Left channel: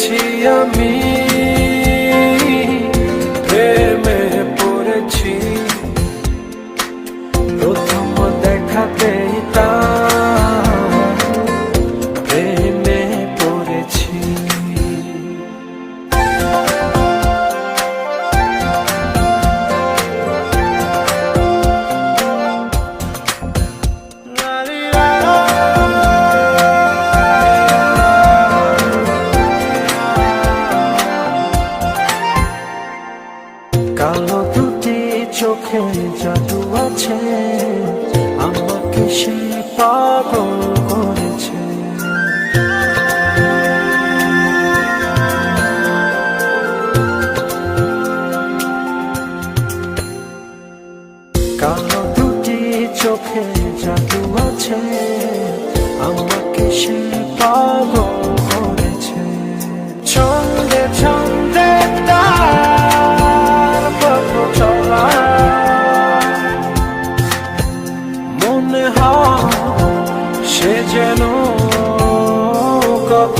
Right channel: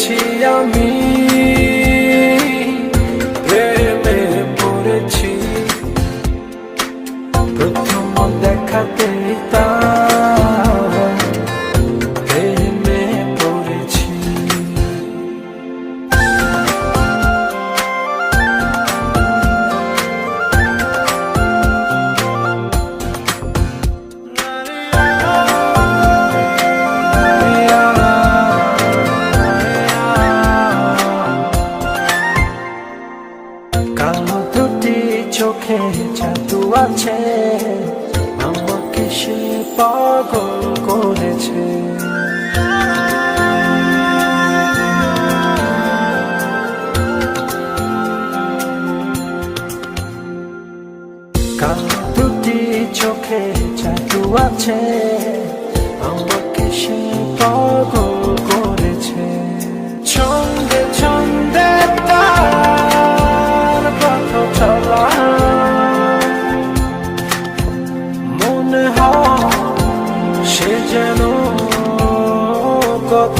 পেয়েছি আমি, প্রেমে পড়েছি প্রথম দেখাতেই তার প্রেমে পড়েছি। কালো দুটি চোখে জাদু আছে, আমাকে সে পাগল করেছে। কালো দুটি চোখে জাদু আছে, আমাকে সে পাগল করেছে। ছন্দে ছন্দে তার পথ চলা, মনে হয় সে যেন কত